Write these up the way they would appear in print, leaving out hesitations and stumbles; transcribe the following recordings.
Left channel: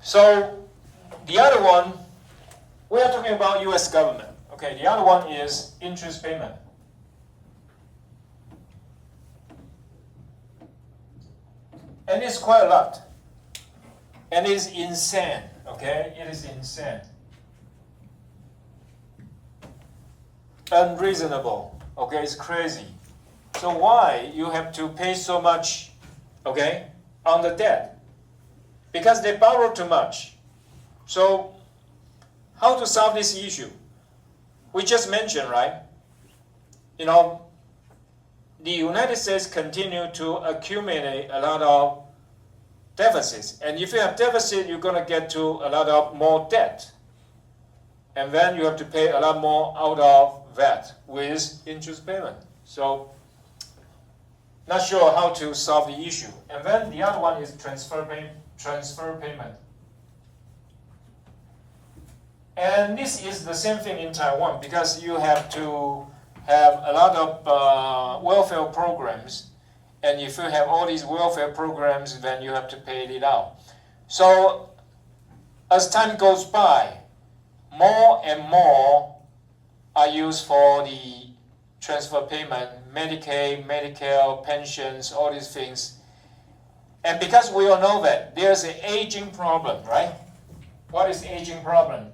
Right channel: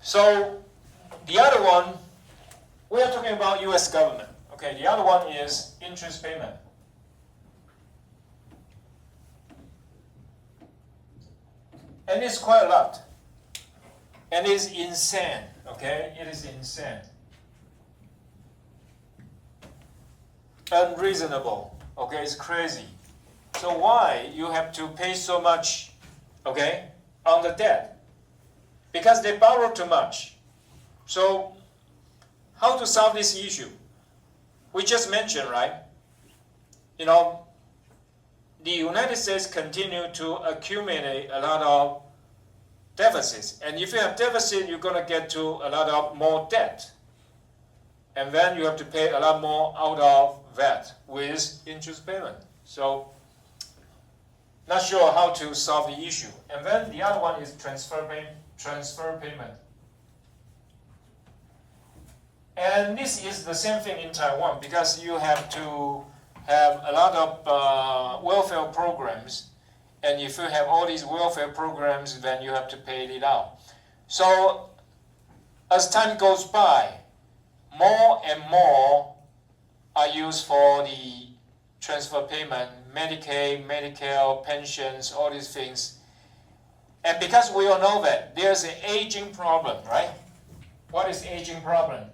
So the other one, we are talking about U.S. government. Okay, the other one is interest payment. And it's quite a lot. And it's insane, okay? It is insane. Unreasonable, okay? It's crazy. So why you have to pay so much, okay, on the debt? Because they borrow too much. So how to solve this issue? We just mentioned, right? You know, the United States continue to accumulate a lot of deficits. And if you have deficit, you're going to get to a lot of more debt. And then you have to pay a lot more out of that with interest payment. So not sure how to solve the issue. And then the other one is transfer payment. And this is the same thing in Taiwan because you have to have a lot of welfare programs. And if you have all these welfare programs, then you have to pay it out. So as time goes by, more and more are used for the transfer payment, Medicaid, Medicare, pensions, all these things. And because we all know that there's an aging problem, right? What is aging problem?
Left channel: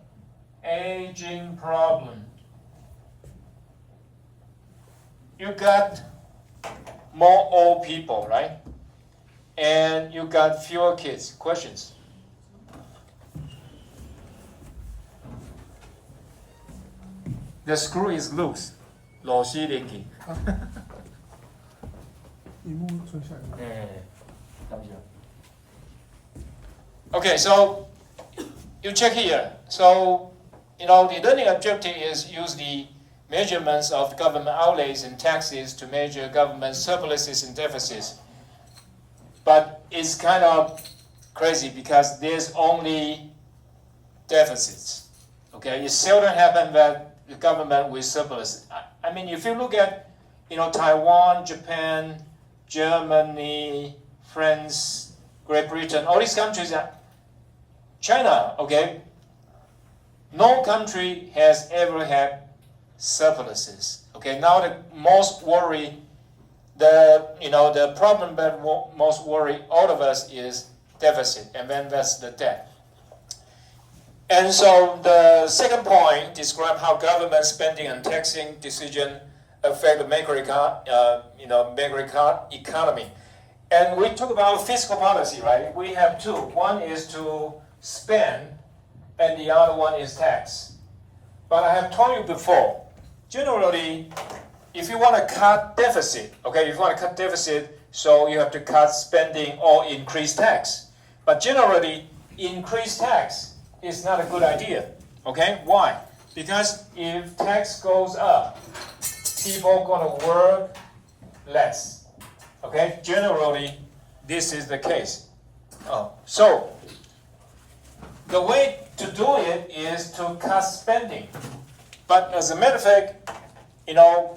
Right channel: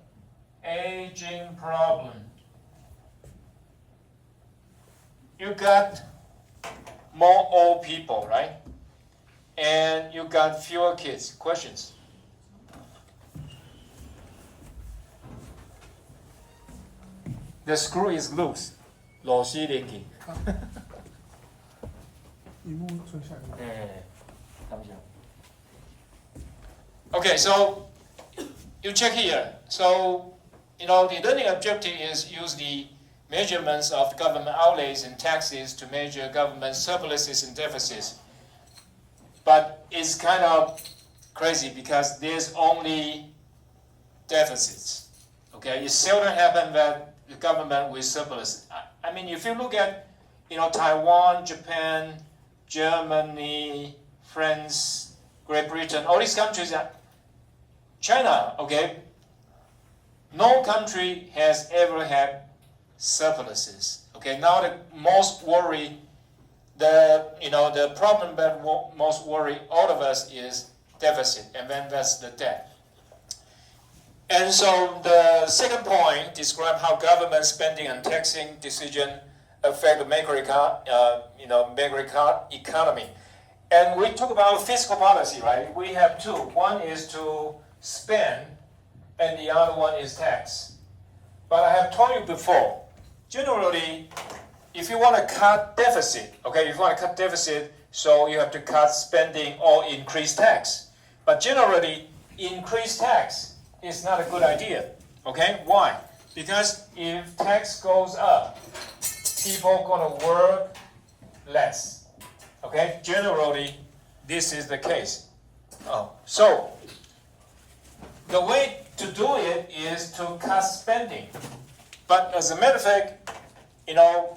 Aging problem. You got more old people, right? And you got fewer kids. Questions? The screw is loose. Okay, so you check here. So, you know, the learning objective is use the measurements of government outlays and taxes to measure government surpluses and deficits. But it's kind of crazy because there's only deficits. Okay, it seldom happens that the government with surplus. I mean, if you look at, you know, Taiwan, Japan, Germany, France, Great Britain, all these countries, China, okay, no country has ever had surpluses. Okay, now the most worry, the problem that most worry all of us is deficit, and then that's the debt. And so the second point describes how government spending and taxing decision affect the macroeconomy. And we talk about fiscal policy, right? We have two. One is to spend, and the other one is tax. But I have told you before, generally, if you want to cut deficit, okay, if you want to cut deficit, so you have to cut spending or increase tax. But generally, increase tax is not a good idea, okay? Why? Because if tax goes up, people are going to work less, okay? Generally, this is the case. So the way to do it is to cut spending. But as a matter of fact, you know,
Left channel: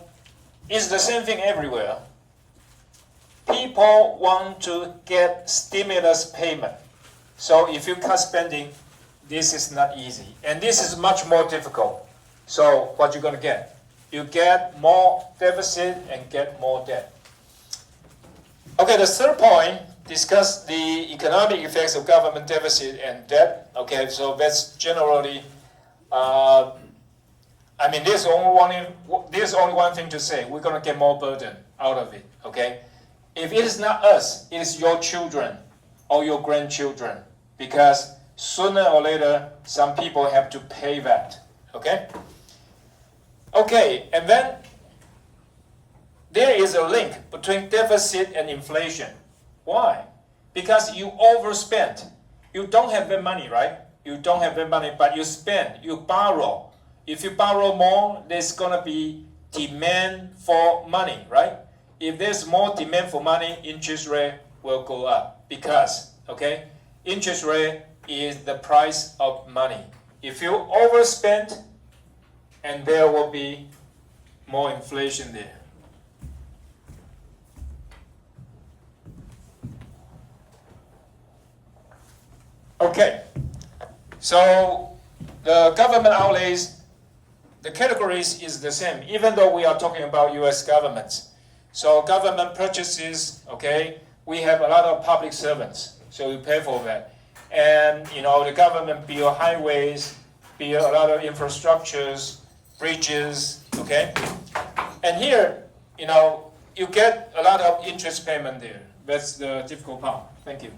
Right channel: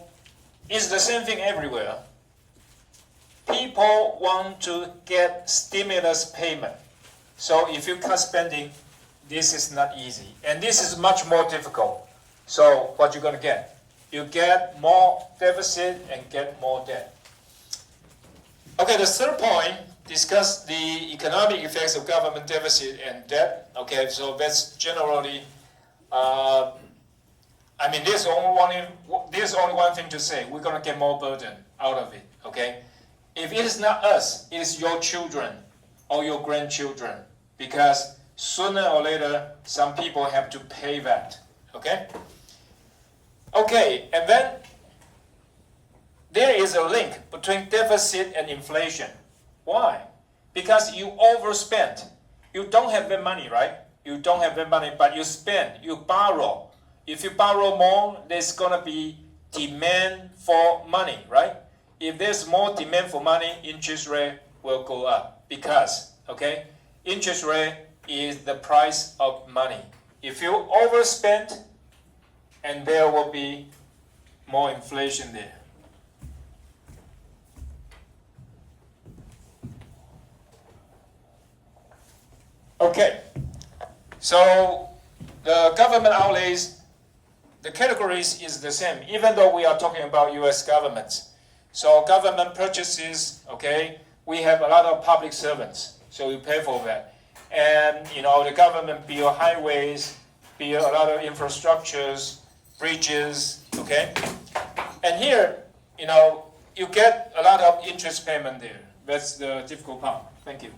it's the same thing everywhere. People want to get stimulus payment. So if you cut spending, this is not easy. And this is much more difficult. So what you're going to get? You get more deficit and get more debt. Okay, the third point, discuss the economic effects of government deficit and debt. Okay, so that's generally, there's only one thing to say. We're going to get more burden out of it, okay? If it is not us, it is your children or your grandchildren, because sooner or later, some people have to pay that, okay? Okay, and then there is a link between deficit and inflation. Why? Because you overspent. You don't have the money, right? You don't have the money, but you spend, you borrow. If you borrow more, there's going to be demand for money, right? If there's more demand for money, interest rate will go up because, okay, interest rate is the price of money. If you overspend, and there will be more inflation there. Okay, so the government outlays, the categories is the same, even though we are talking about U.S. governments. So government purchases, okay, we have a lot of public servants, so we pay for that. And the government build highways, build a lot of infrastructures, bridges, okay? And here, you get a lot of interest payment there. That's the difficult part. Thank you.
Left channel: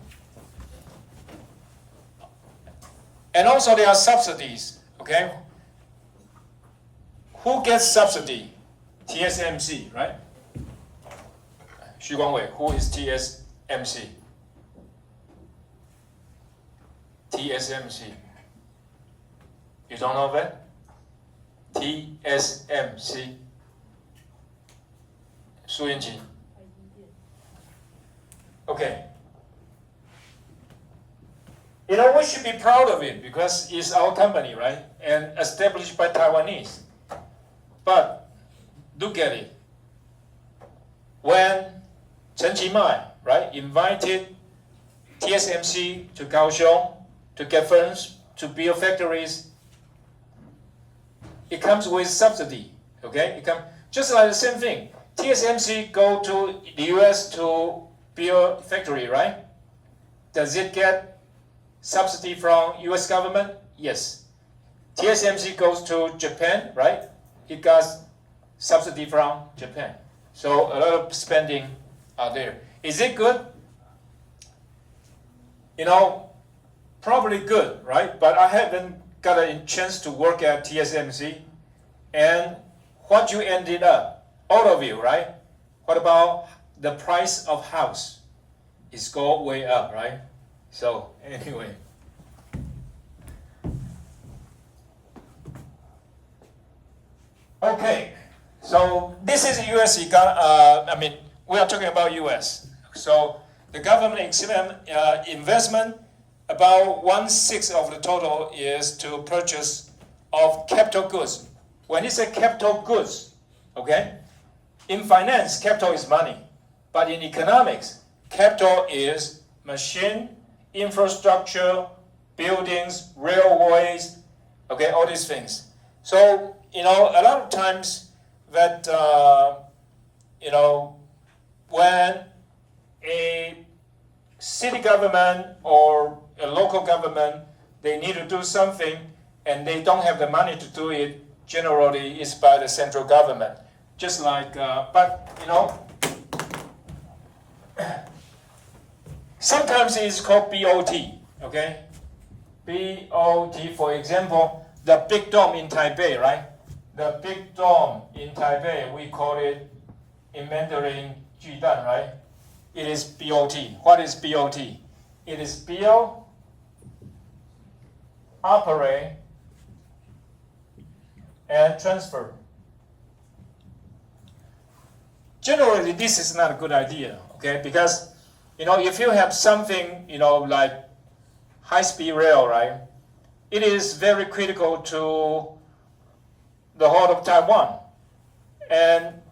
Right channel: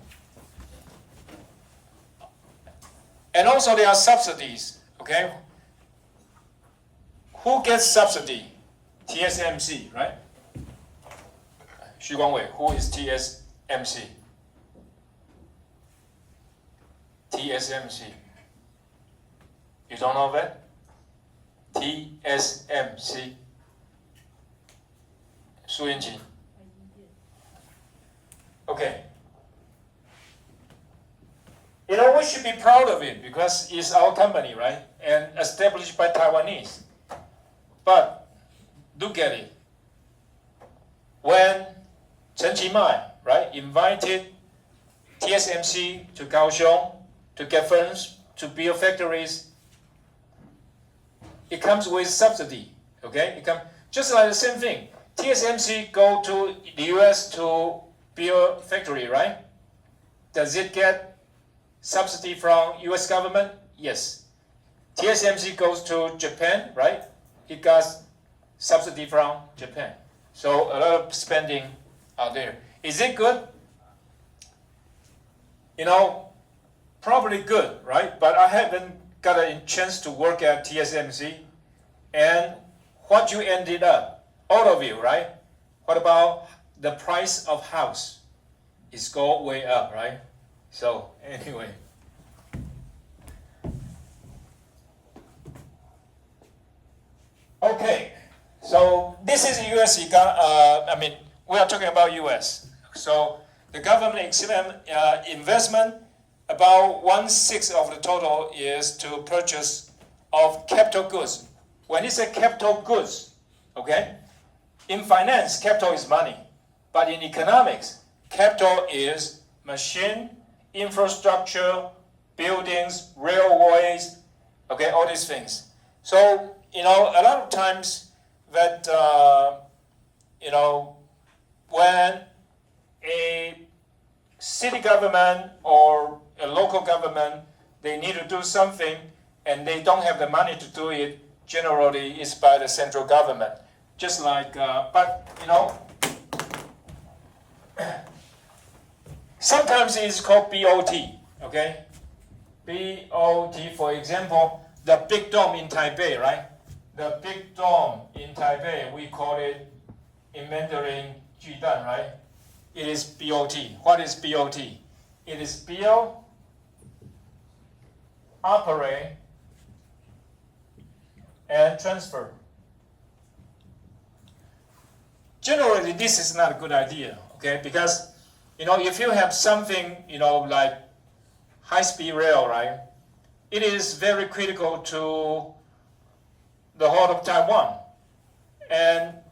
And also there are subsidies, okay? Who gets subsidy? TSMC, right? Xu Guangwei, who is TSMC? TSMC. You don't know that? TSMC. Su Yinqi. Okay. We should be proud of it because it's our company, right? And established by Taiwanese. But do get it. When Chen Qimai, right, invited TSMC to Kaohsiung to get funds to build factories, it comes with subsidy, okay? Just like the same thing. TSMC go to the US to build factory, right? Does it get subsidy from US government? Yes. TSMC goes to Japan, right? It got subsidy from Japan. So a lot of spending are there. Is it good? Probably good, right? But I haven't got a chance to work at TSMC. And what you ended up, all of you, right? What about the price of house? It's go way up, right? So anyway. Okay, so this is US, we are talking about US. So the government investment, about 1/6 of the total is to purchase of capital goods. When you say capital goods, okay, in finance, capital is money. But in economics, capital is machine, infrastructure, buildings, railways, okay, all these things. So, a lot of times that, when a city government or a local government, they need to do something and they don't have the money to do it, generally it's by the central government. Just like, sometimes it's called BOT, okay? BOT, for example, the big dome in Taipei, right? The big dome in Taipei, we call it in Mandarin 巨蛋, right? It is BOT. What is BOT? It is build, operate, and transfer. Generally, this is not a good idea, okay? Because, if you have something, like high-speed rail, right? It is very critical to the whole of Taiwan.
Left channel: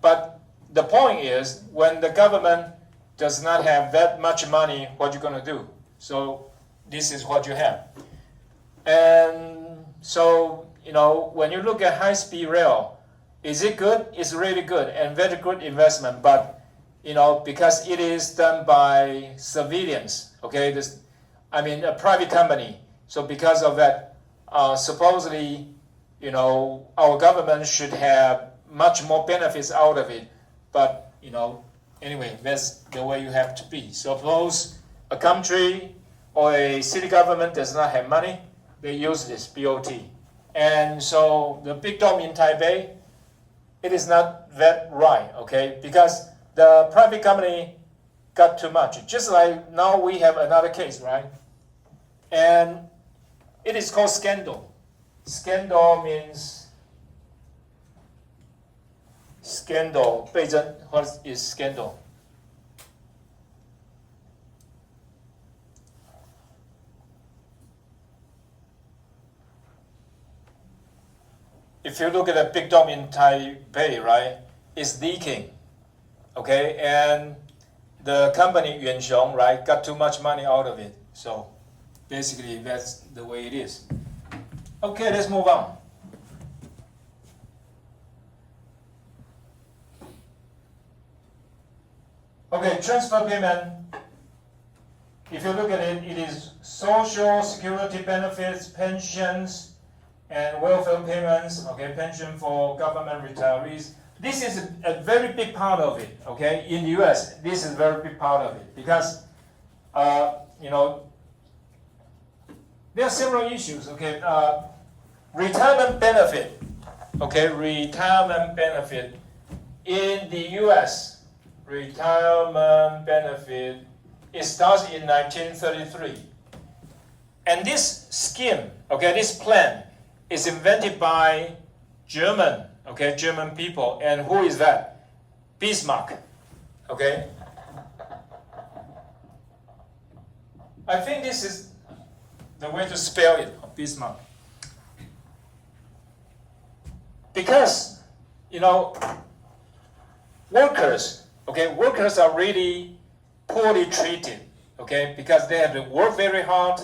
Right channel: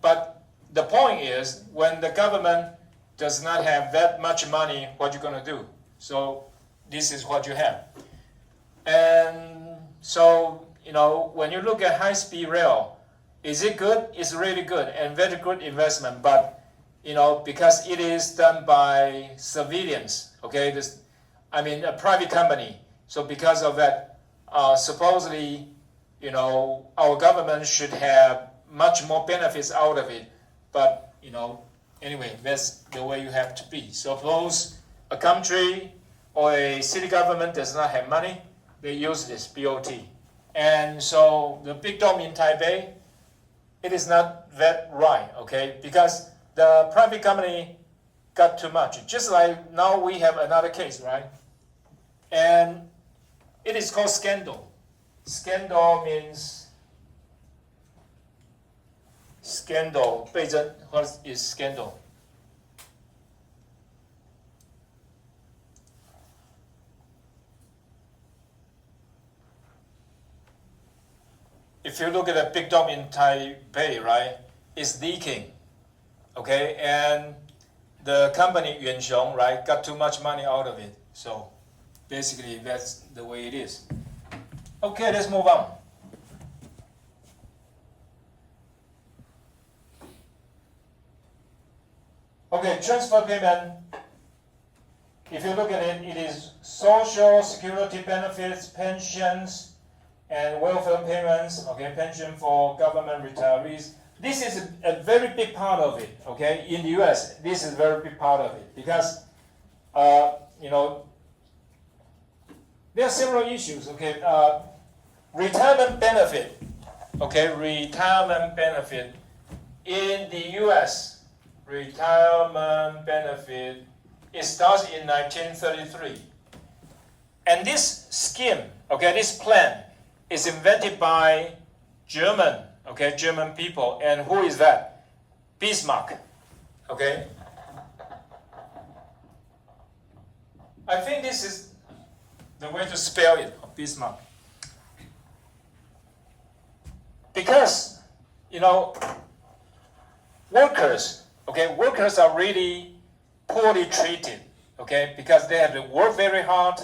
But the point is, when the government does not have that much money, what you going to do? So this is what you have. And so, when you look at high-speed rail, is it good? It's really good and very good investment. But, because it is done by civilians, okay? A private company. So because of that, supposedly, our government should have much more benefits out of it. But, anyway, that's the way you have to be. Suppose a country or a city government does not have money, they use this BOT. And so the big dome in Taipei, it is not that right, okay? Because the private company got too much. Just like now we have another case, right? And it is called scandal. Scandal means scandal. 被征, what is scandal? If you look at the big dome in Taipei, right, it's leaking, okay? And the company Yuanxiong, right, got too much money out of it. So Basically, that's the way it is. Okay, let's move on. Okay, transfer payment. If you look at it, it is social security benefits, pensions, and welfare payments. Okay, pension for government retirees. This is a very big part of it. Okay, in the U.S., this is a very big part of it because, you know, there are several issues. Okay, retirement benefit. Okay, retirement benefit in the U.S. Retirement benefit, it starts in 1933. And this scheme, okay, this plan is invented by German people. And who is that? Bismarck, okay? I think this is the way to spell it, Bismarck. Because, you know, workers are really poorly treated, okay, because they have to work very hard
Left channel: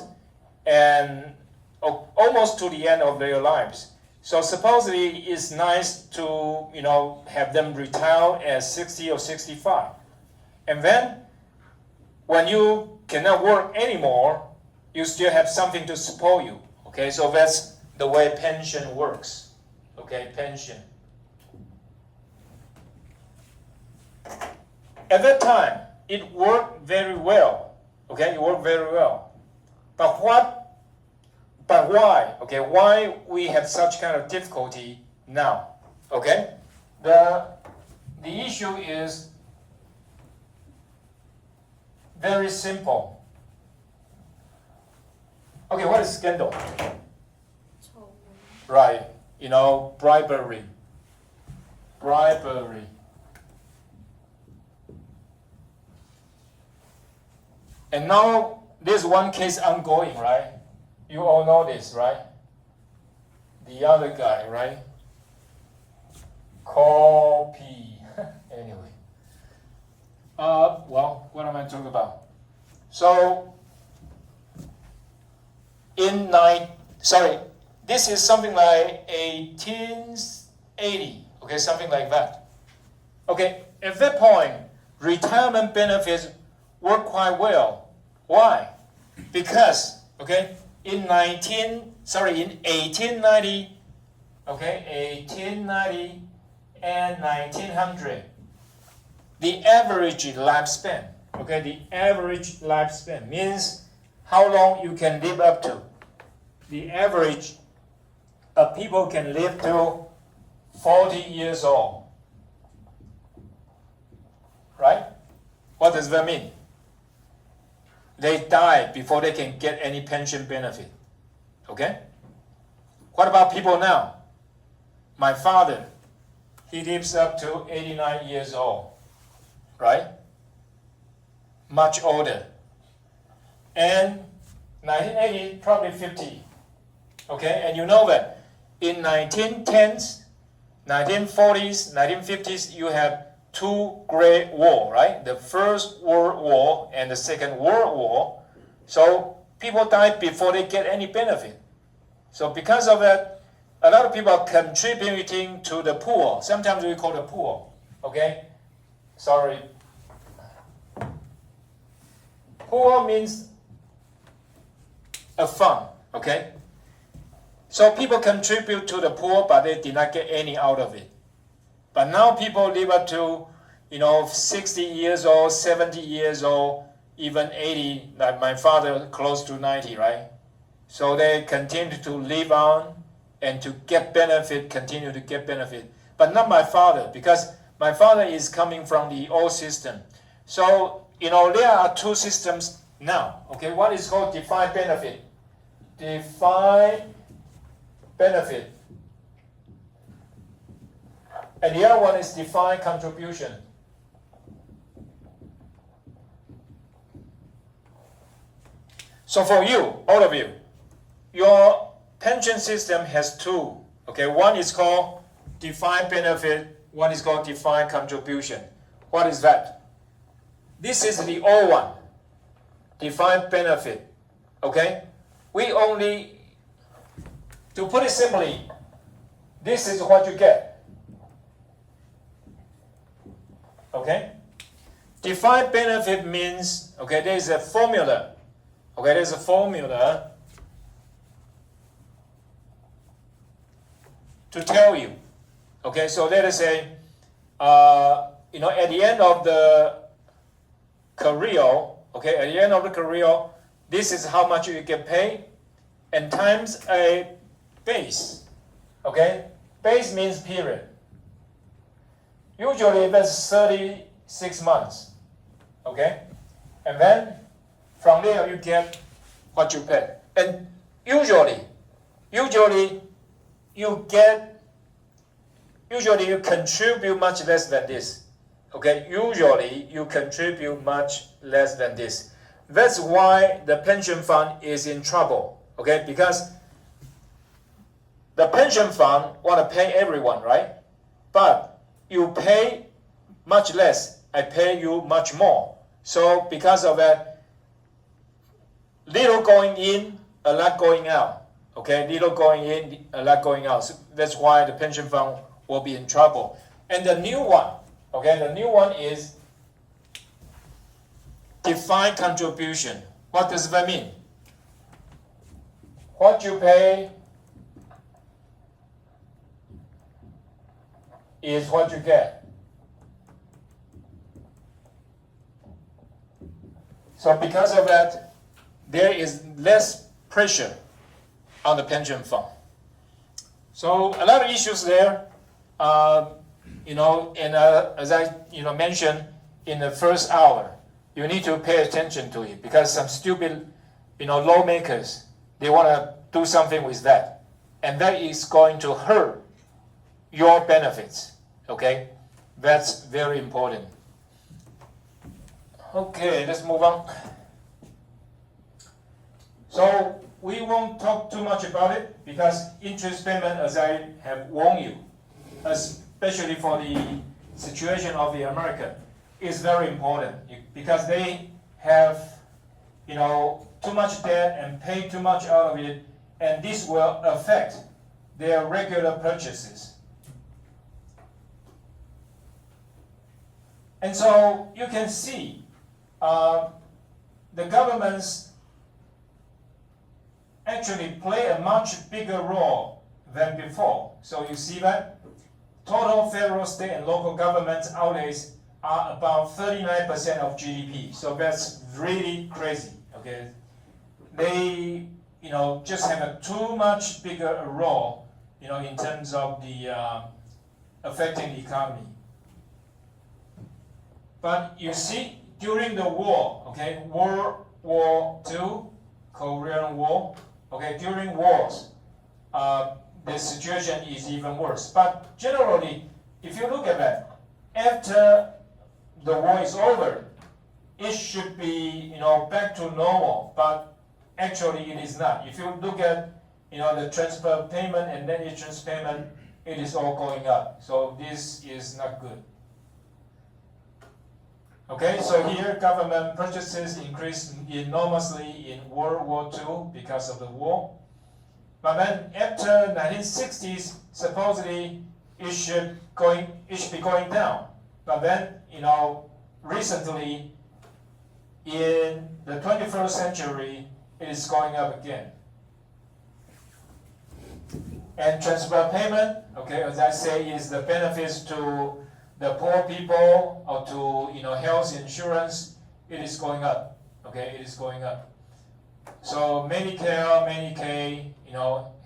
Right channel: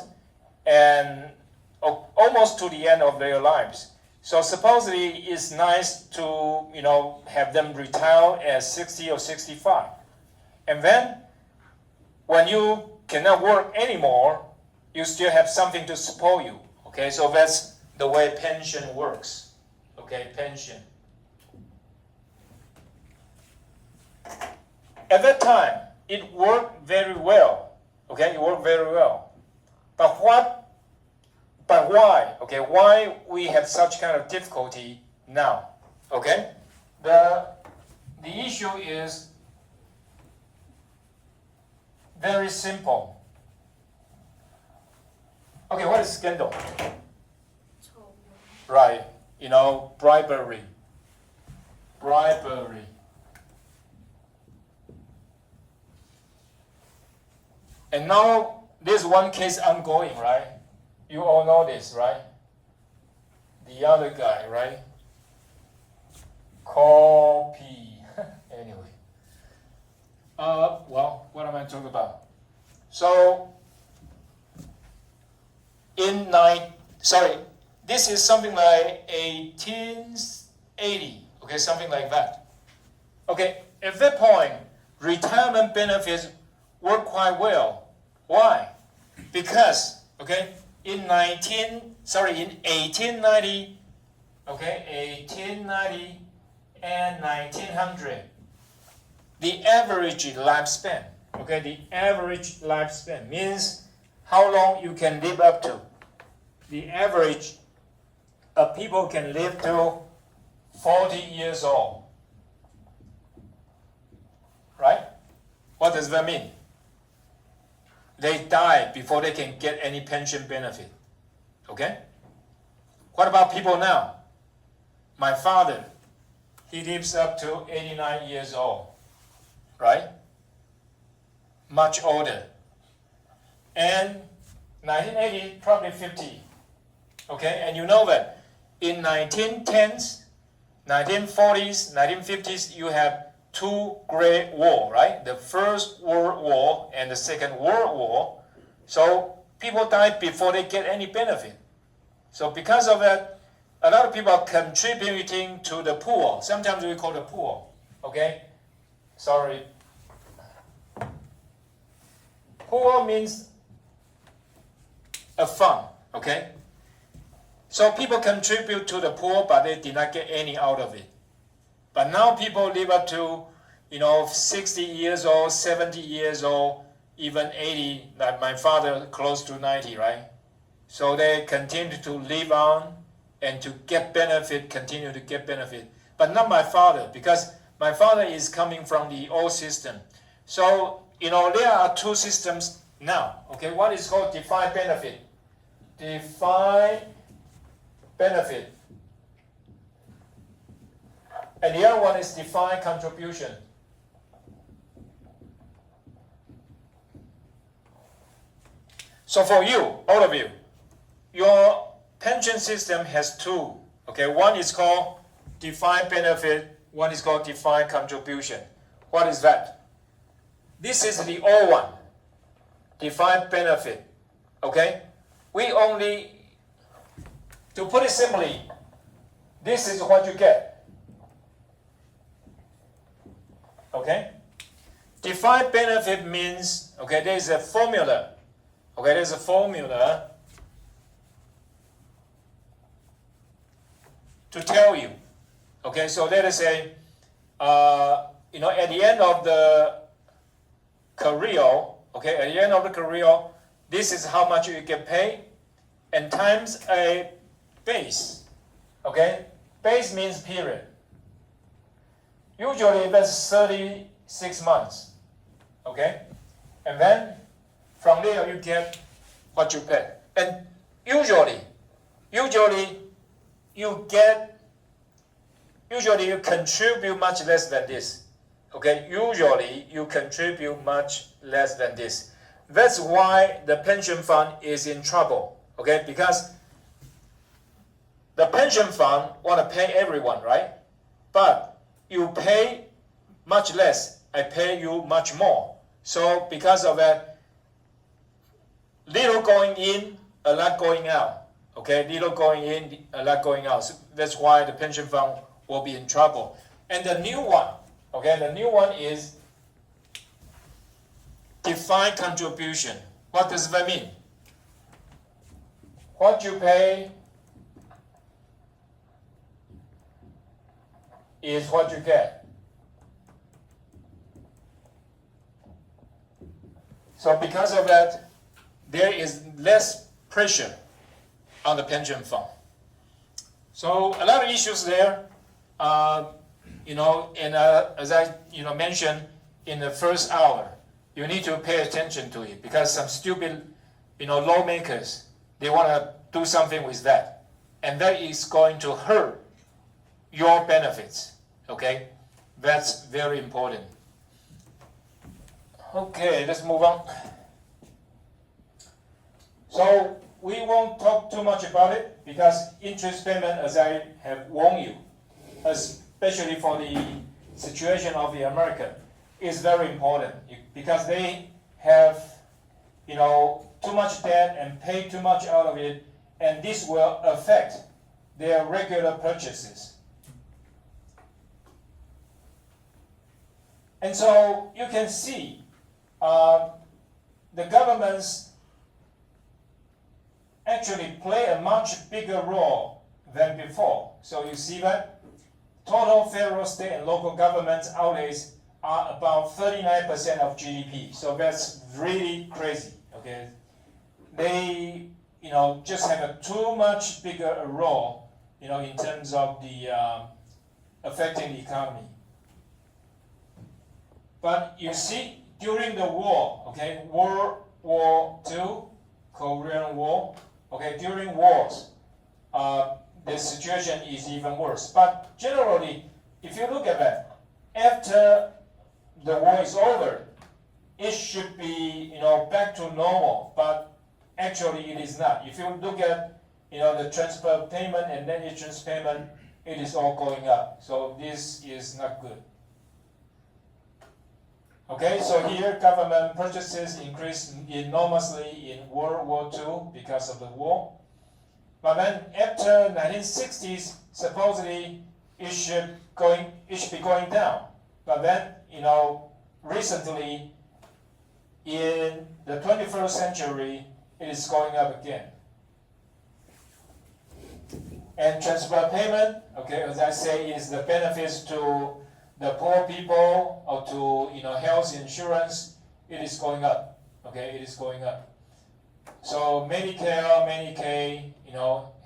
and almost to the end of their lives. So supposedly it's nice to, you know, have them retire at 60 or 65. And then when you cannot work anymore, you still have something to support you, okay? So that's the way pension works, okay, pension. At that time, it worked very well. Okay, it worked very well. But why? Okay, why we have such kind of difficulty now? Okay, the issue is very simple. Okay, what is scandal? Right, you know, bribery. And now there's one case ongoing, right? You all know this, right? The other guy, right? Copy. Anyway. Well, what am I talking about? So, this is something like 1880, okay, something like that. Okay, at that point, retirement benefits work quite well. Why? Because, okay, in 1890, okay, 1890 and 1900, the average lifespan, okay, the average lifespan means how long you can live up to. The average of people can live to 40 years old, right? What does that mean? They die before they can get any pension benefit. Okay? What about people now? My father, he lives up to 89 years old. Right? Much older. And 1980, probably 50. Okay? And you know that in 1910s, 1940s, 1950s, you have two great wars, right? The First World War and the Second World War. So people died before they get any benefit. So because of that, a lot of people are contributing to the poor. Sometimes we call the poor, okay? Sorry. Poor means a fund, okay? So people contribute to the poor, but they did not get any out of it. But now people live up to, 60 years old, 70 years old, even 80, like my father, close to 90, right? So they continue to live on and to get benefit, continue to get benefit. But not my father, because my father is coming from the old system. So, there are two systems now, okay? One is called defined benefit. Defined benefit. And the other one is defined contribution. So for you, all of you, your pension system has two. Okay, one is called defined benefit, one is called defined contribution. What is that? This is the old one, defined benefit. Okay, we only, to put it simply, this is what you get. Okay? Defined benefit means, okay, there's a formula. Okay, there's a formula to tell you. Okay, so let us say, at the end of the career, okay, at the end of the career, this is how much you get paid, and times a base. Okay, base means period. Usually that's 36 months. Okay, and then from there you get what you pay, and usually you contribute much less than this. Okay, usually you contribute much less than this. That's why the pension fund is in trouble. Okay, because the pension fund want to pay everyone, right? But you pay much less, I pay you much more. So because of that, little going in, a lot going out. Okay, little going in, a lot going out. So that's why the pension fund will be in trouble. And the new one, okay, the new one is defined contribution. What does that mean? What you pay is what you get. So because of that, there is less pressure on the pension fund. So a lot of issues there, and as I mentioned in the first hour, you need to pay attention to it because some stupid lawmakers, they want to do something with that, and that is going to hurt your benefits. Okay, that's very important. Okay, let's move on. So we won't talk too much about it because interest payment, as I have warned you, especially for the situation of the American, is very important because they have, too much debt and pay too much out of it, and this will affect their regular purchases. And so you can see the governments actually play a much bigger role than before. So you see that total federal, state, and local government outlays are about 39% of GDP. So that's really crazy. Okay, they just have a too much bigger a role in terms of the affecting the economy. But you see, during the war, okay, World War II, Korean War, okay, during wars, the situation is even worse. But generally, if you look at that, after the war is over, it should be back to normal. But actually, it is not. If you look at the transfer payment and net interest payment, it is all going up. So this is not good. Okay, so here government purchases increased enormously in World War II because of the war. But then after 1960s, supposedly it should be going down. But then, recently in the 21st century, it is going up again. And transfer payment, okay, as I say, is the benefits to the poor people or to health insurance. It is going up. Okay, it is going up. So Medicare, Medicaid,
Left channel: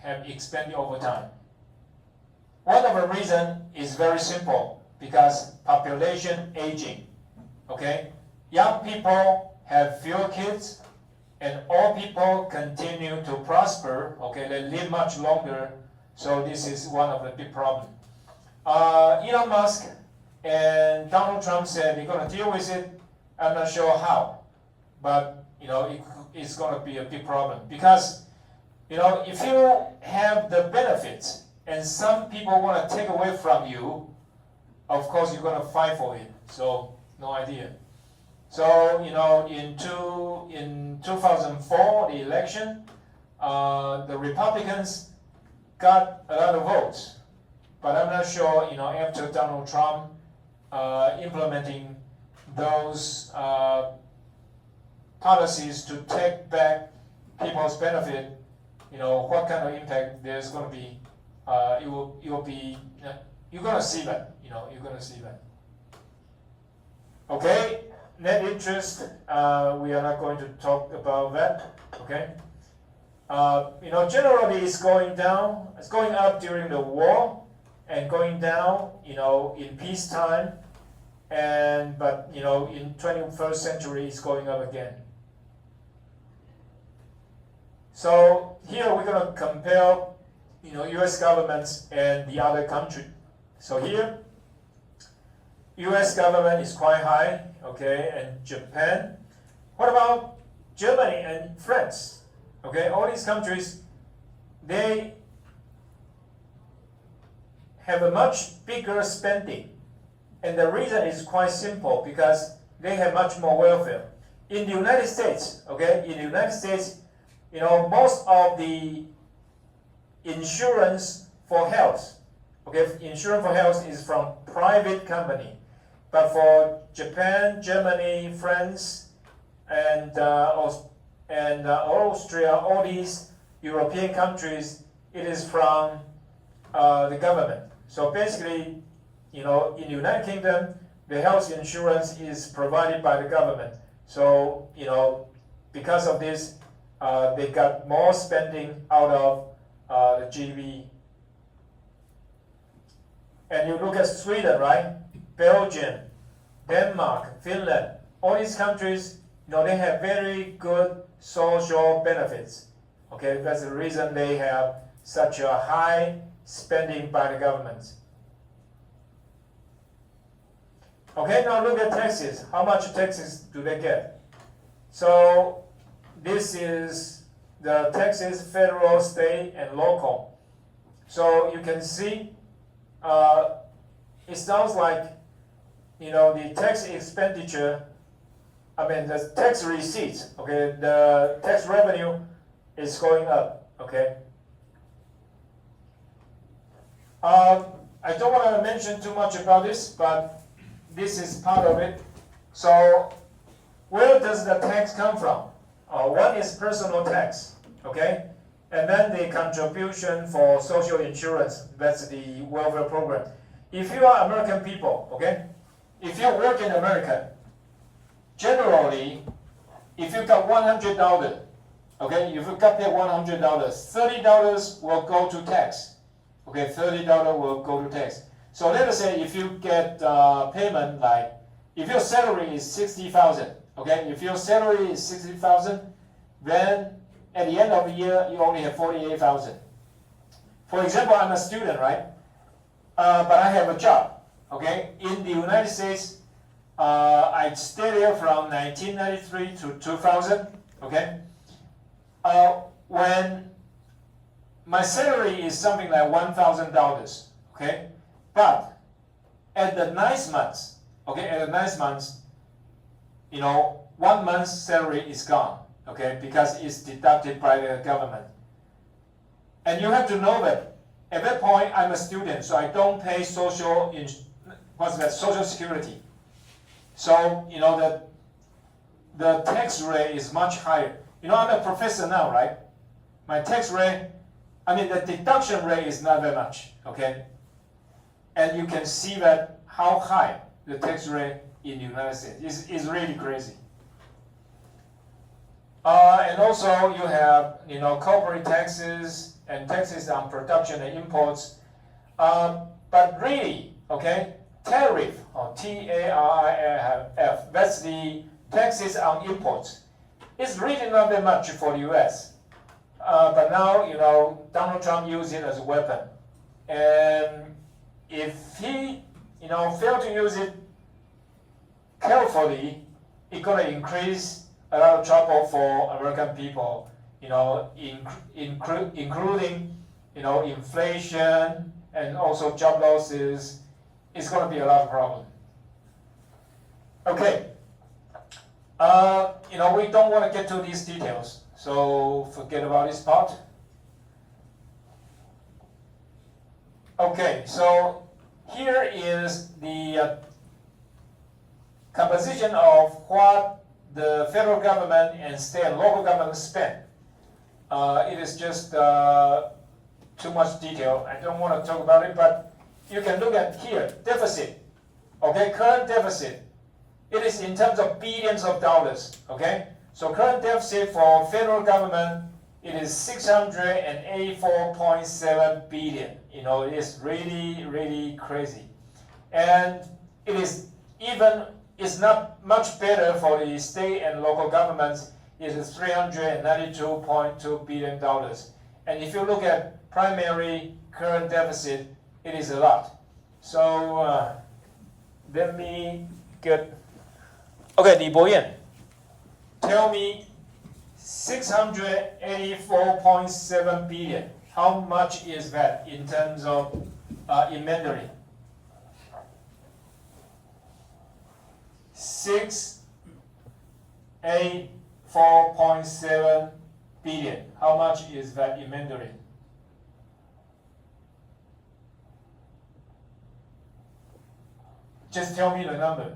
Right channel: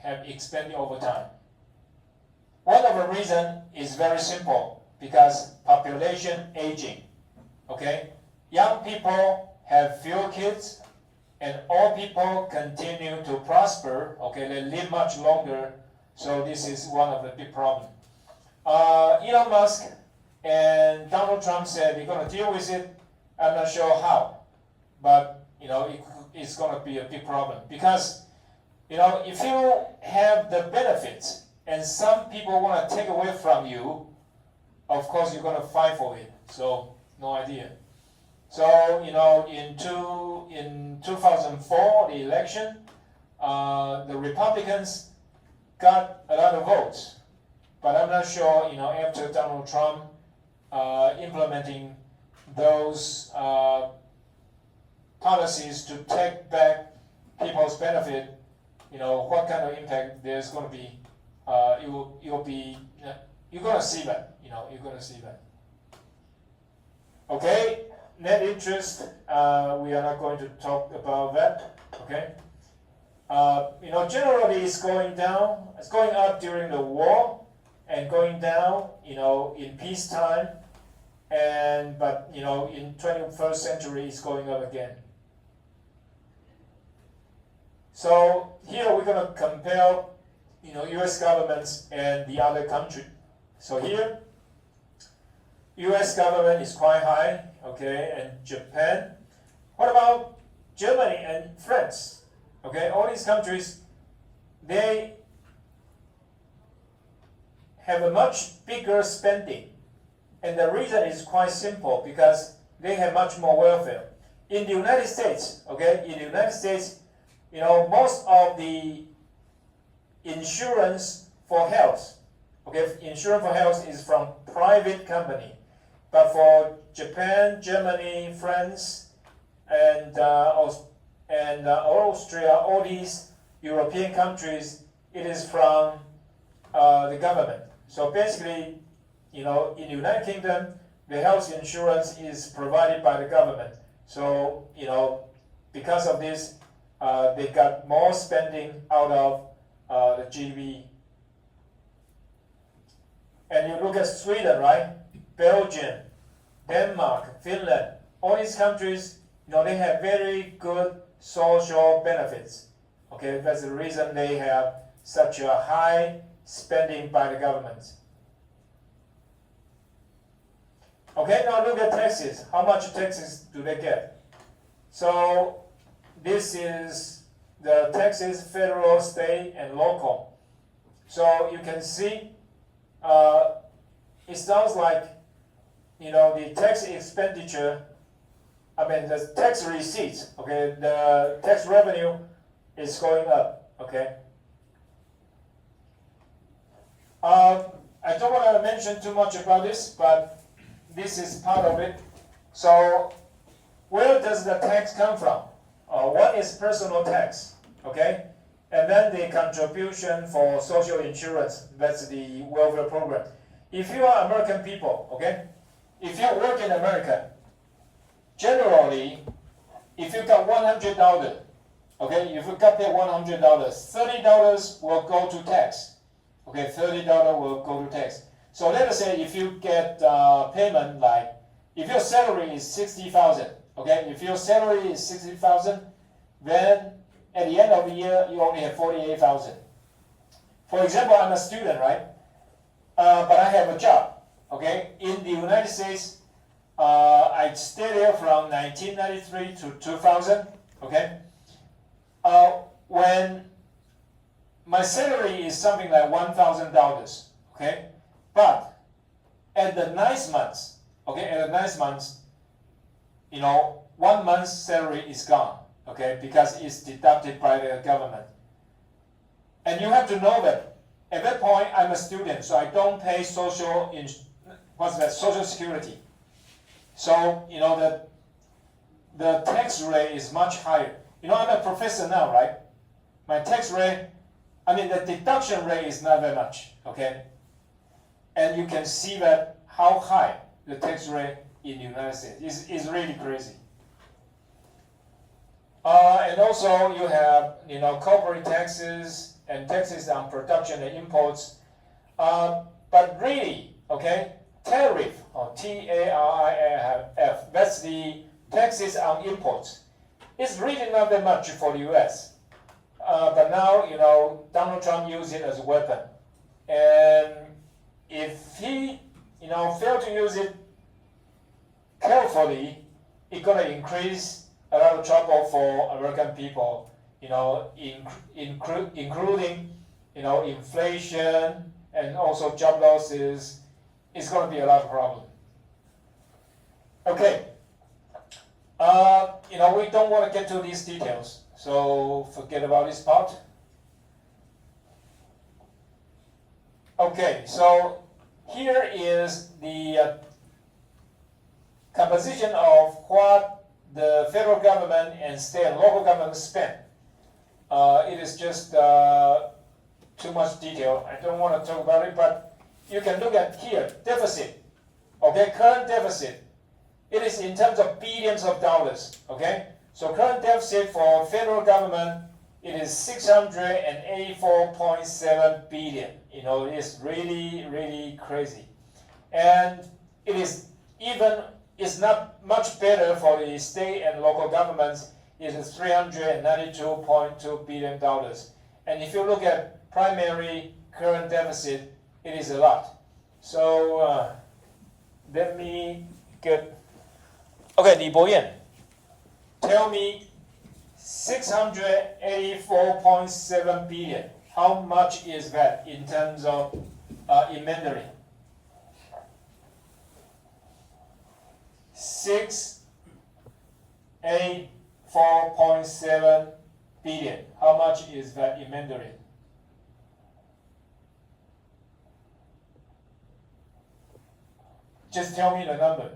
have expanded over time. One of the reasons is very simple, because population aging. Okay, young people have fewer kids, and old people continue to prosper. Okay, they live much longer. So this is one of the big problems. Elon Musk and Donald Trump said they're going to deal with it. I'm not sure how, but it's going to be a big problem because if you have the benefits and some people want to take away from you, of course you're going to fight for it. So no idea. So in 2004 the election, the Republicans got a lot of votes, but I'm not sure, after Donald Trump implementing those policies to take back people's benefit, what kind of impact there's going to be. It will be, you're going to see that, you're going to see that. Okay, net interest, we are not going to talk about that, okay? Generally it's going down, it's going up during the war, and going down, in peacetime, but in 21st century it's going up again. So here we're going to compare, U.S. governments and the other country. So here, U.S. government is quite high, okay, and Japan. What about Germany and France? Okay, all these countries, they have a much bigger spending. And the reason is quite simple, because they have much more welfare. In the United States, okay, in the United States, most of the insurance for health, okay, insurance for health is from private company. But for Japan, Germany, France, and Austria, all these European countries, it is from the government. So basically, in the United Kingdom, the health insurance is provided by the government. So, because of this, they got more spending out of the GDP. And you look at Sweden, right? Belgium, Denmark, Finland, all these countries, they have very good social benefits. Okay, that's the reason they have such a high spending by the government. Okay, now look at taxes. How much taxes do they get? So this is the taxes, federal, state, and local. So you can see it sounds like, the tax expenditure, the tax receipts, okay, the tax revenue is going up, okay. I don't want to mention too much about this, but this is part of it. So where does the tax come from? One is personal tax, okay, and then the contribution for social insurance, that's the welfare program. If you are American people, okay, if you work in America, generally, if you got $100, okay, if you got that $100, $30 will go to tax, okay, $30 will go to tax. So let us say if you get payment like, if your salary is $60,000, okay, if your salary is $60,000, then at the end of the year you only have $48,000. For example, I'm a student, right? But I have a job, okay? In the United States, I stayed there from 1993 to 2000, okay? When my salary is something like $1,000, okay? But at the nice months, okay, at the nice months, 1 month's salary is gone, okay, because it's deducted by the government. And you have to know that at that point I'm a student, so I don't pay social security. So the tax rate is much higher. I'm a professor now, right? My tax rate, the deduction rate is not that much, okay? And you can see that how high the tax rate in the United States is really crazy. And also you have corporate taxes and taxes on production and imports. But really, okay, tariff, or T-A-R-I-F, that's the taxes on imports. It's really not that much for the US. But now, Donald Trump used it as a weapon. And if he, failed to use it carefully, it's going to increase a lot of trouble for American people, including, inflation and also job losses. It's going to be a lot of problem. Okay. We don't want to get to these details. So forget about this part. Okay, so here is the composition of what the federal government and state and local government spend. It is just too much detail. I don't want to talk about it, but you can look at here, deficit. Okay, current deficit. It is in terms of billions of dollars. Okay, so current deficit for federal government, it is 684.7 billion. You know, it is really, really crazy. And it is even, it's not much better for the state and local governments. It is $392.2 billion. And if you look at primary current deficit, it is a lot. So let me get, okay, Li Boyan, tell me 684.7 billion. How much is that in terms of in Mandarin? 684.7 billion. How much is that in Mandarin? Just tell me the number.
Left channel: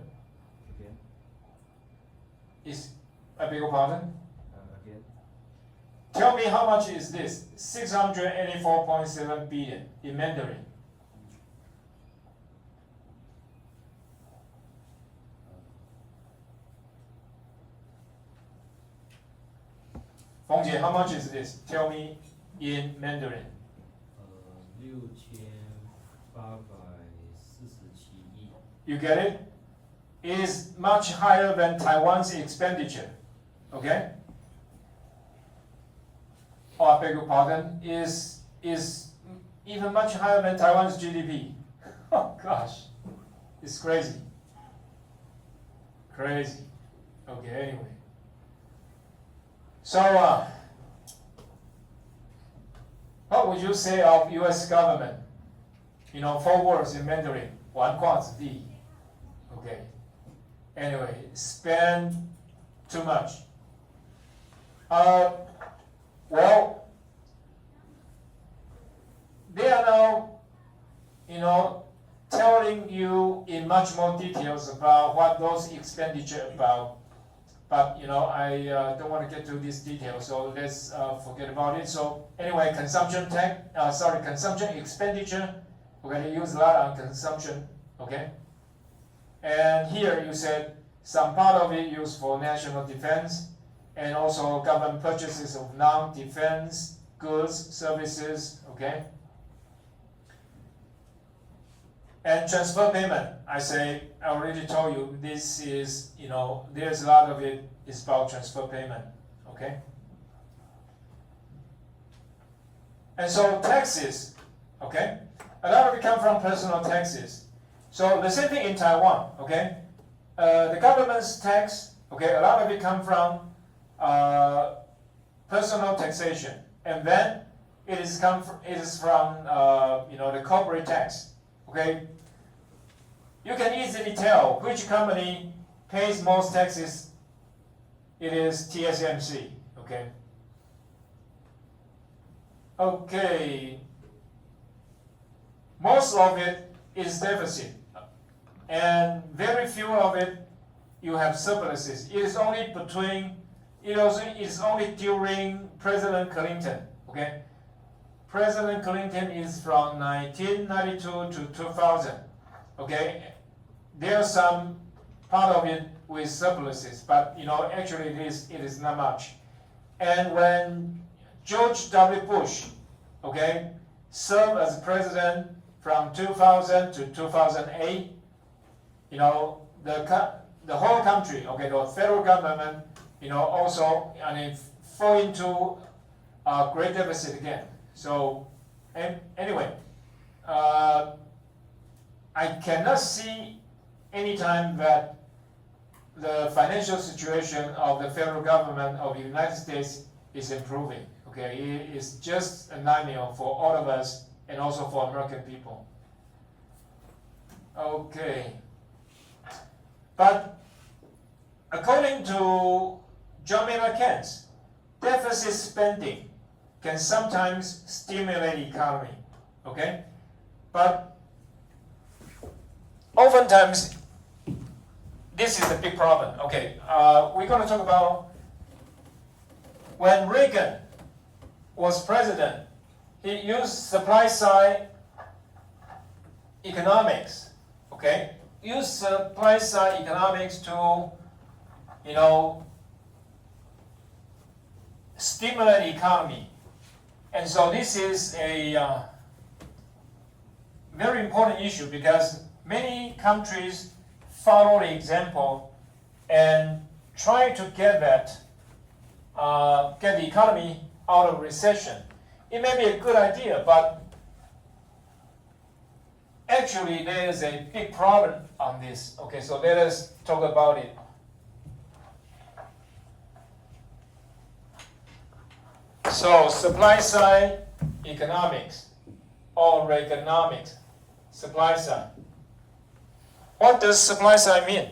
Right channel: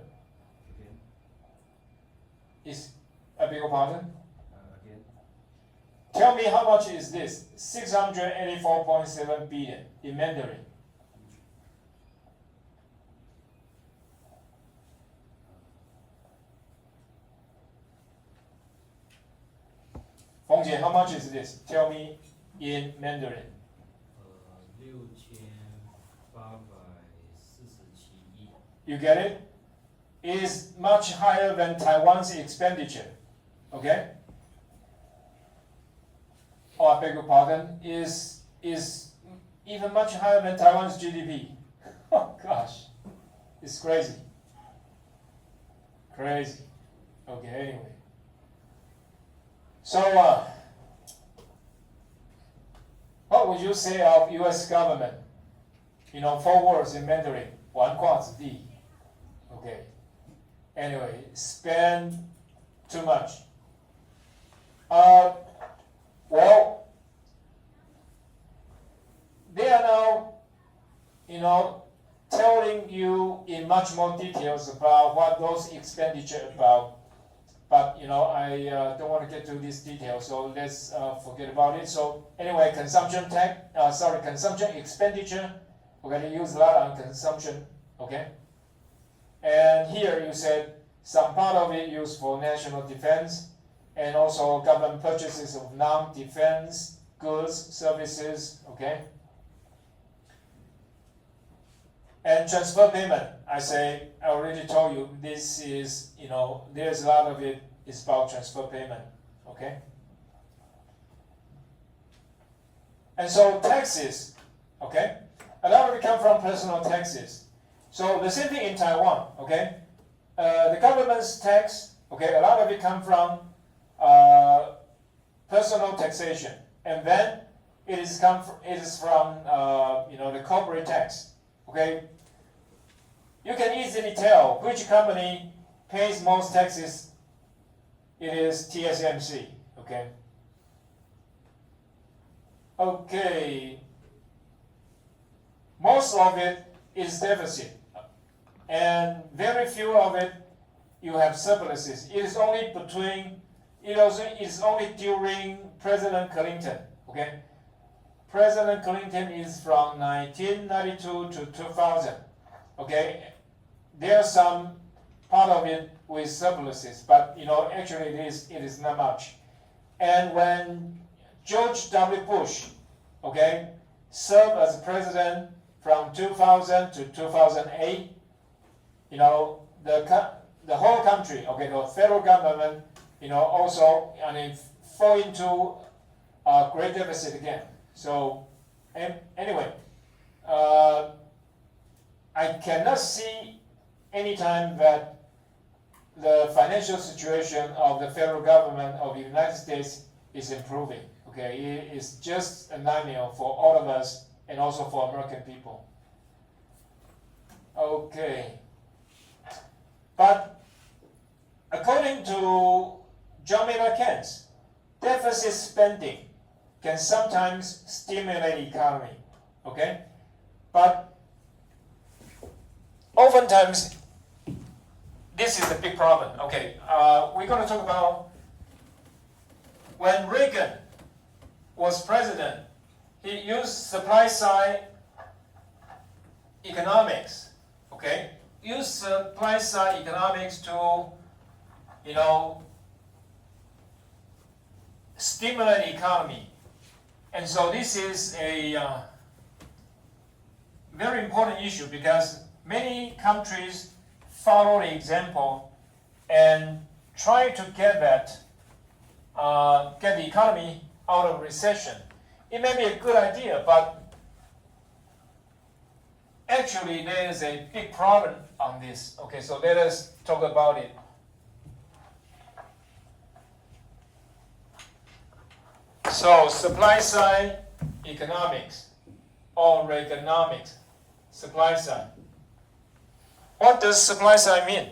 Okay. I beg your pardon? Again. Tell me how much is this? 684.7 billion in Mandarin. 冯姐, how much is this? Tell me in Mandarin. 6847亿. You get it? It is much higher than Taiwan's expenditure. Okay? Oh, I beg your pardon. Is even much higher than Taiwan's GDP. Oh gosh, it's crazy. Crazy. Okay, anyway. So, what would you say of U.S. government? You know, 4 words in Mandarin. 1卦子弟. Okay. Anyway, spend too much. Well, they are now, you know, telling you in much more details about what those expenditure about. But you know, I don't want to get to these details, so let's forget about it. So anyway, consumption expenditure. We're going to use a lot on consumption, okay? And here you said some part of it used for national defense, and also government purchases of non-defense goods, services, okay? And transfer payment, I already told you, this is, you know, there's a lot of it is about transfer payment, okay? And so taxes, okay? A lot of it come from personal taxes. So the same thing in Taiwan, okay? The government's tax, okay, a lot of it come from personal taxation, and then it is from you know, the corporate tax. Okay, you can easily tell which company pays most taxes. It is TSMC. Okay. Okay. Most of it is deficit, and very few of it you have surpluses. It is only during President Clinton. Okay. President Clinton is from 1992 to 2000. Okay, there's some part of it with surpluses, but you know, actually it is not much. And when George W. Bush, okay, served as president from 2000 to 2008, you know, the whole country, okay, the federal government, you know, also, I mean, fall into a great deficit again. So, anyway, I cannot see any time that the financial situation of the federal government of the United States is improving. Okay, it is just a nightmare for all of us and also for American people. Okay, but according to John Maynard Keynes, deficit spending can sometimes stimulate the economy, okay? But oftentimes, this is a big problem. Okay, we're going to talk about when Reagan was president, he used supply side economics, okay? Used supply side economics to, stimulate the economy. And so this is a very important issue because many countries follow the example and try to get the economy out of recession. It may be a good idea, but actually there is a big problem on this. Okay, so let us talk about it. So supply side economics or Reaganomics, supply side. What does supply side mean?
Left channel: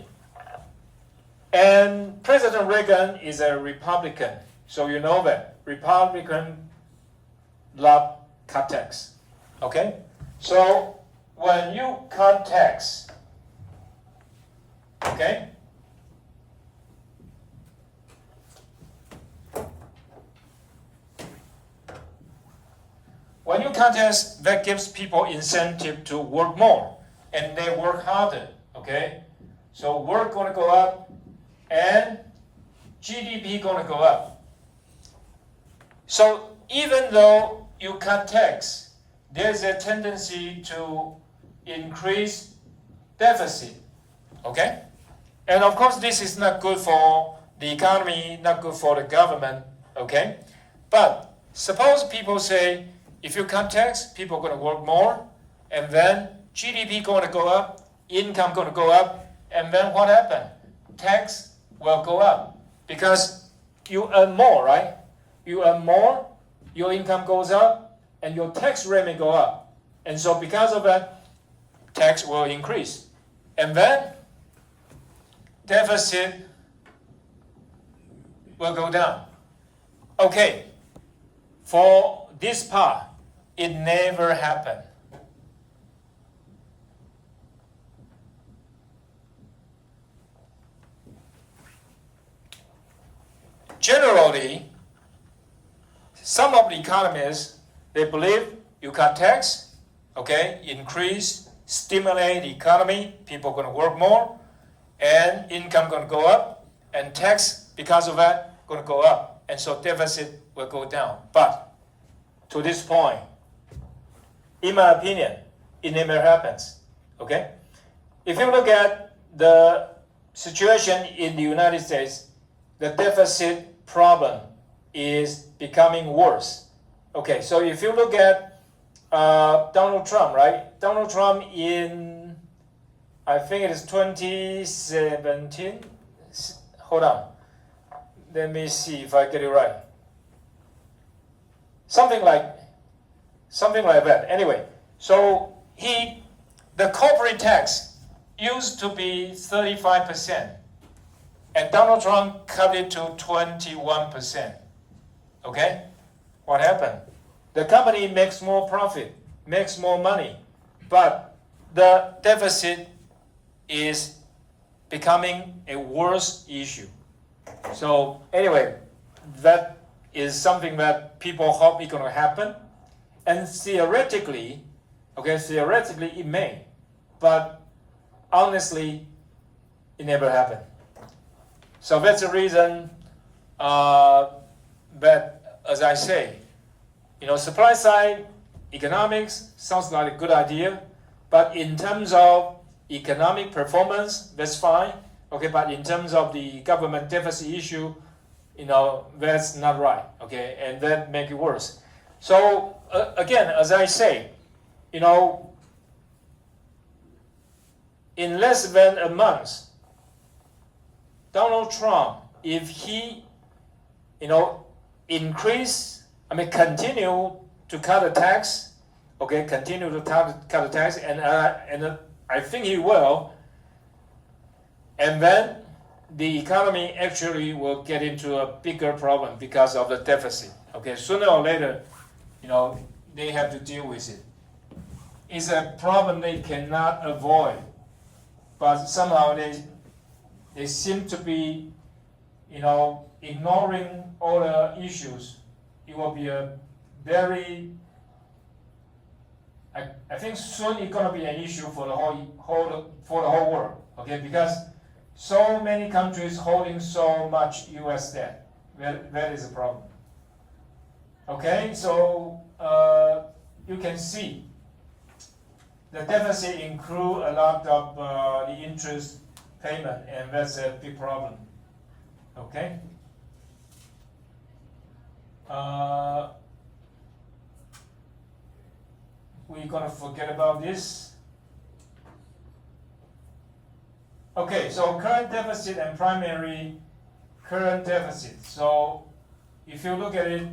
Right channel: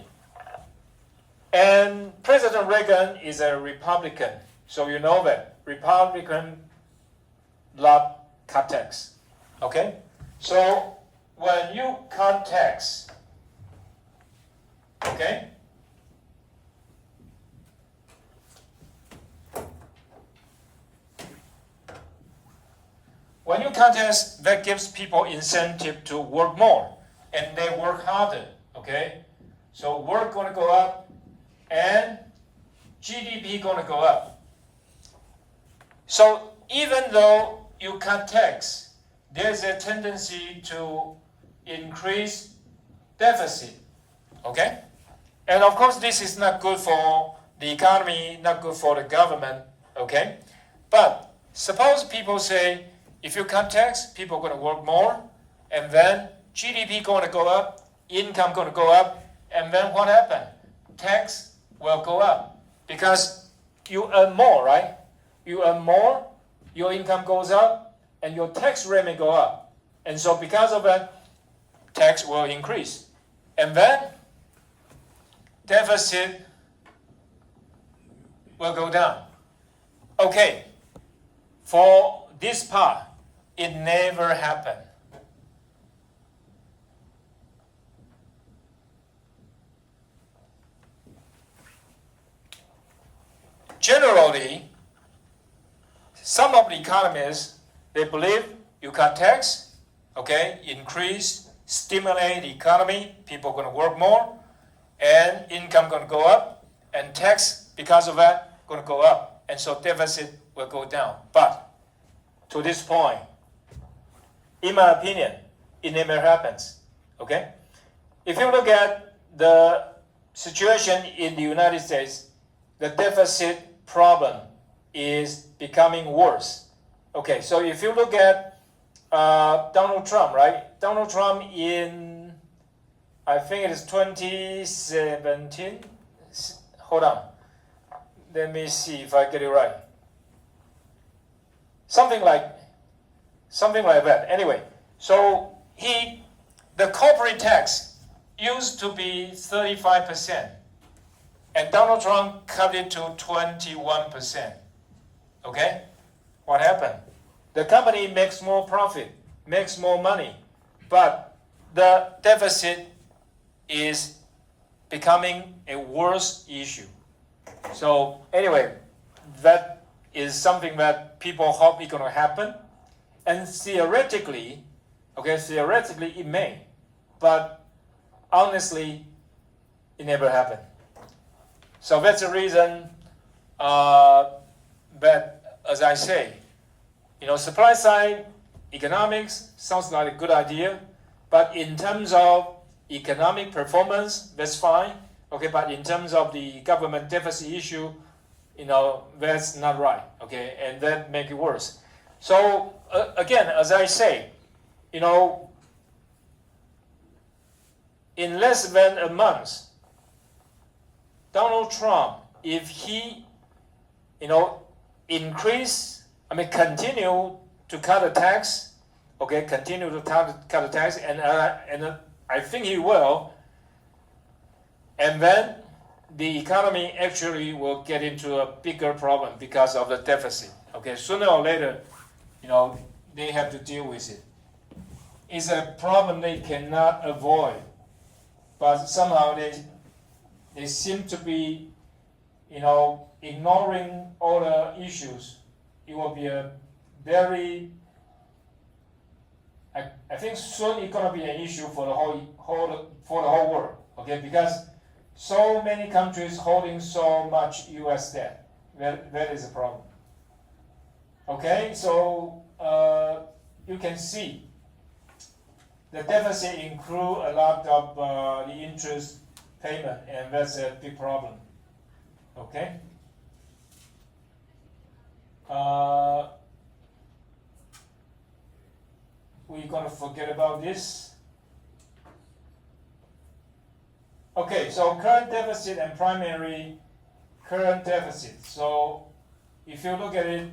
And President Reagan is a Republican, so you know that Republican love cut tax. Okay, so when you cut tax, okay, when you cut tax, that gives people incentive to work more, and they work harder. Okay, so work gonna go up, and GDP gonna go up. So even though you cut tax, there's a tendency to increase deficit. Okay, and of course this is not good for the economy, not good for the government. Okay, but suppose people say, if you cut tax, people are going to work more, and then GDP going to go up, income going to go up, and then what happened? Tax will go up because you earn more, right? You earn more, your income goes up, and your tax rate may go up. And so because of that, tax will increase. And then deficit will go down. Okay, for this part, it never happened. Generally, some of the economists, they believe you cut tax, okay, increase, stimulate the economy, people are going to work more, and income going to go up, and tax, because of that, going to go up, and so deficit will go down. But to this point, in my opinion, it never happens, okay? If you look at the situation in the United States, the deficit problem is becoming worse. Okay, so if you look at Donald Trump, right? Donald Trump in, I think it is 2017. Hold on. Let me see if I get it right. Something like that. Anyway, so the corporate tax used to be 35%, and Donald Trump cut it to 21%. Okay, what happened? The company makes more profit, makes more money, but the deficit is becoming a worse issue. So anyway, that is something that people hope is going to happen. And theoretically, it may, but honestly, it never happened. So that's the reason that, as I say, supply side economics sounds like a good idea, but in terms of economic performance, that's fine. Okay, but in terms of the government deficit issue, that's not right. Okay, and that make it worse. So again, as I say, in less than a month, Donald Trump, if he, continue to cut the tax, okay, continue to cut the tax, and I think he will, and then the economy actually will get into a bigger problem because of the deficit. Okay, sooner or later, they have to deal with it. It's a problem they cannot avoid, but somehow they seem to be, ignoring all the issues. It will be a very, I think soon it's gonna be an issue for the whole world. Okay, because so many countries holding so much U.S. debt. That is a problem. Okay, so you can see the deficit include a lot of the interest payment, and that's a big problem. Okay. We're gonna forget about this. Okay, so current deficit and primary current deficit. So if you look at it,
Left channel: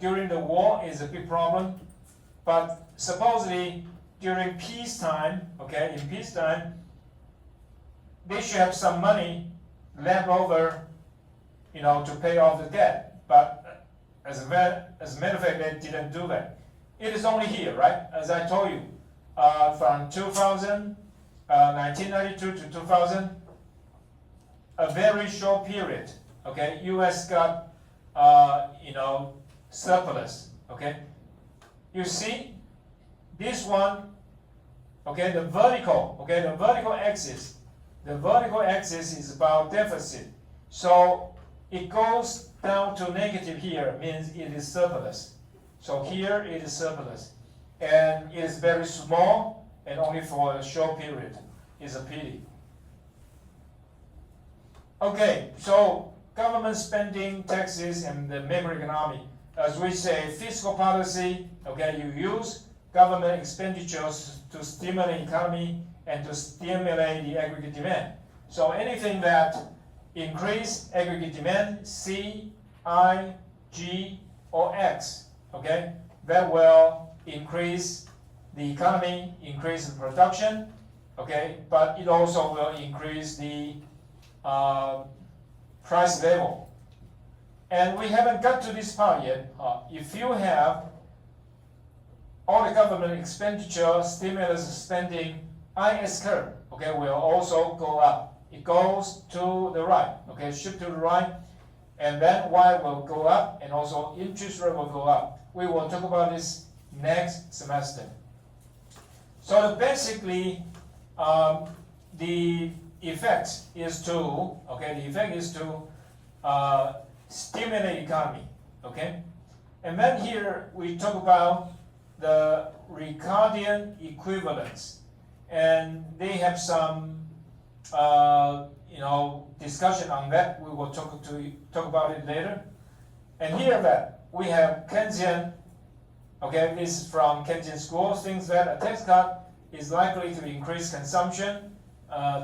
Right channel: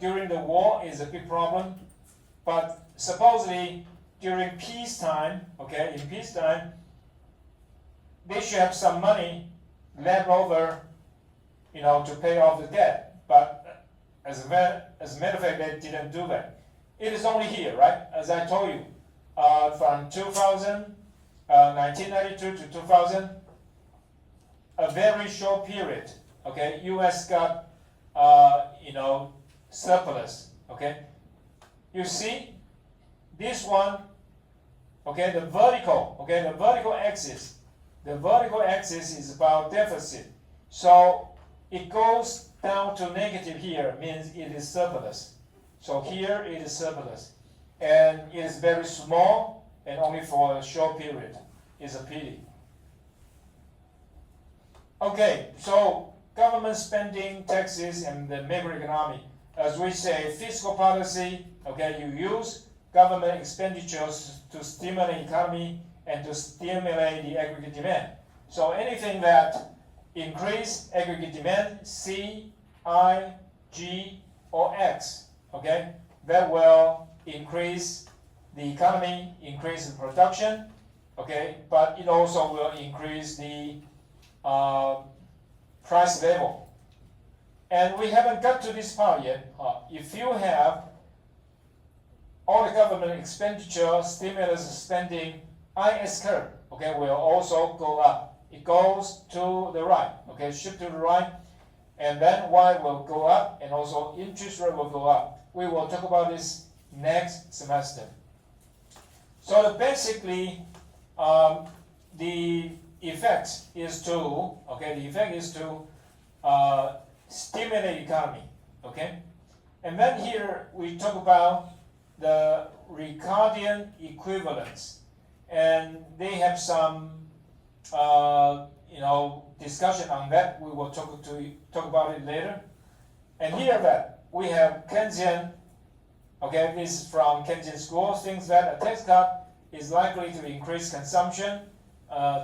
during the war is a big problem, but supposedly during peacetime, okay, in peacetime, they should have some money left over, to pay off the debt. But as a matter of fact, they didn't do that. It is only here, right? As I told you, from 1992 to 2000, a very short period. Okay, U.S. got, surplus. Okay, you see this one. Okay, the vertical axis. The vertical axis is about deficit. So it goes down to negative here, means it is surplus. So here it is surplus. And it is very small and only for a short period. It's a pity. Okay, so government spending, taxes, and the macroeconomy. As we say, fiscal policy, okay, you use government expenditures to stimulate the economy and to stimulate the aggregate demand. So anything that increase aggregate demand, C, I, G, or X, okay, that will increase the economy, increase the production, okay, but it also will increase the price level. And we haven't got to this part yet. If you have all the government expenditure, stimulus spending, IS curve, okay, will also go up. It goes to the right, okay, shift to the right, and then Y will go up, and also interest rate will go up. We will talk about this next semester. So basically, the effect is to, stimulate economy, okay? And then here we talk about the Ricardian equivalence. And they have some, discussion on that. We will talk about it later. And here that we have Keynesian. Okay, this is from Keynesian school. Thinks that a tax cut is likely to increase consumption,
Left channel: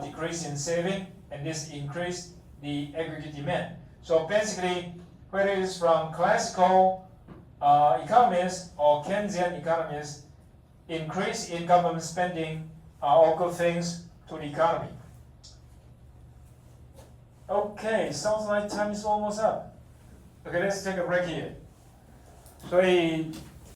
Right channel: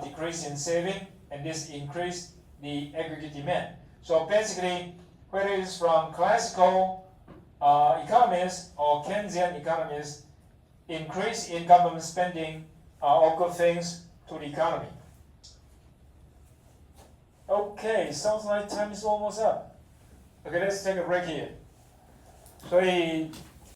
decrease in saving, and this increase the aggregate demand. So basically, whether it is from classical economists or Keynesian economists, increase in government spending are all good things to the economy. Okay, sounds like time is almost up. Okay, let's take a break here. 所以